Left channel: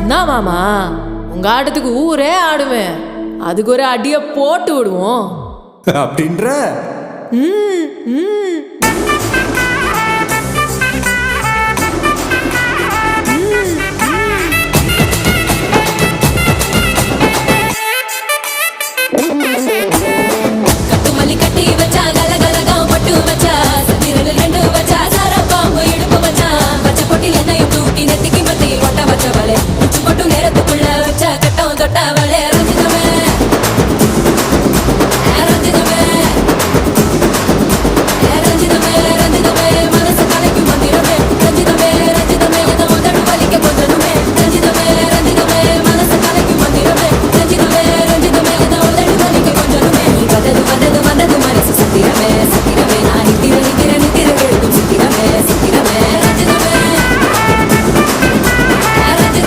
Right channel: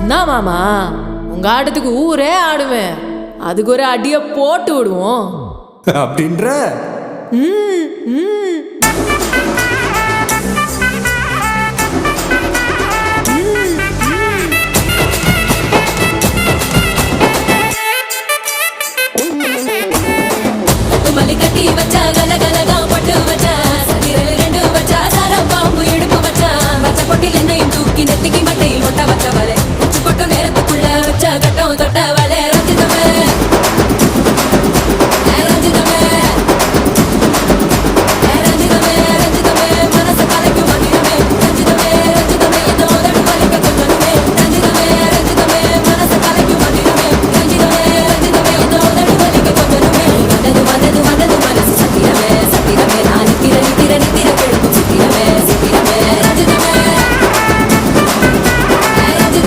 என்ன மாமா, உங்க ஆட்டத்துக்கு ஊரே ஆடுவேன். அதுக்கு ஒரு அடிய போட்டு விடுவோம் அப்படின்ற ம் ம்